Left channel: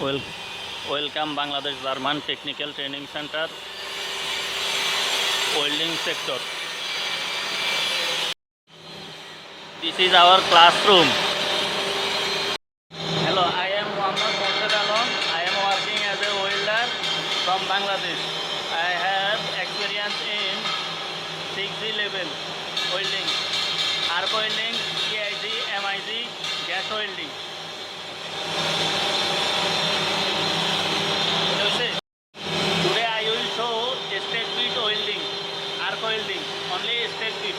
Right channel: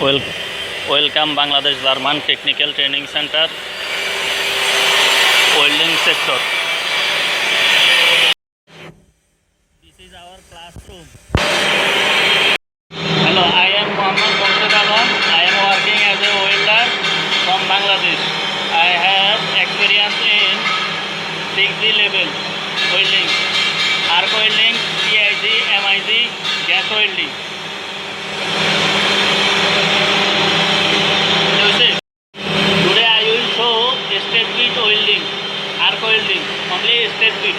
Wel- Welcome Bangladesh German Technical Training Center, welding sector. This is our classroom. Hello, I am Mohammad Murshid Alam. I am working as a welder from Bangladesh. I have experience in 6G level welding, arc welding, TIG, MIG, gas welding. Today I will show straight bit welding, arc welding, only straight bit.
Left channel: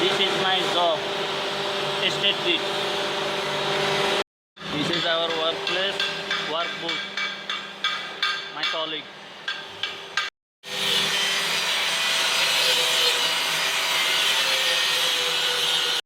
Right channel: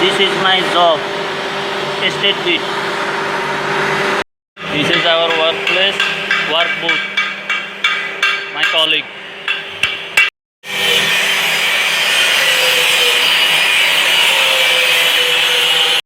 This is my job, straight bit. This is our workplace, work booth, my colleague.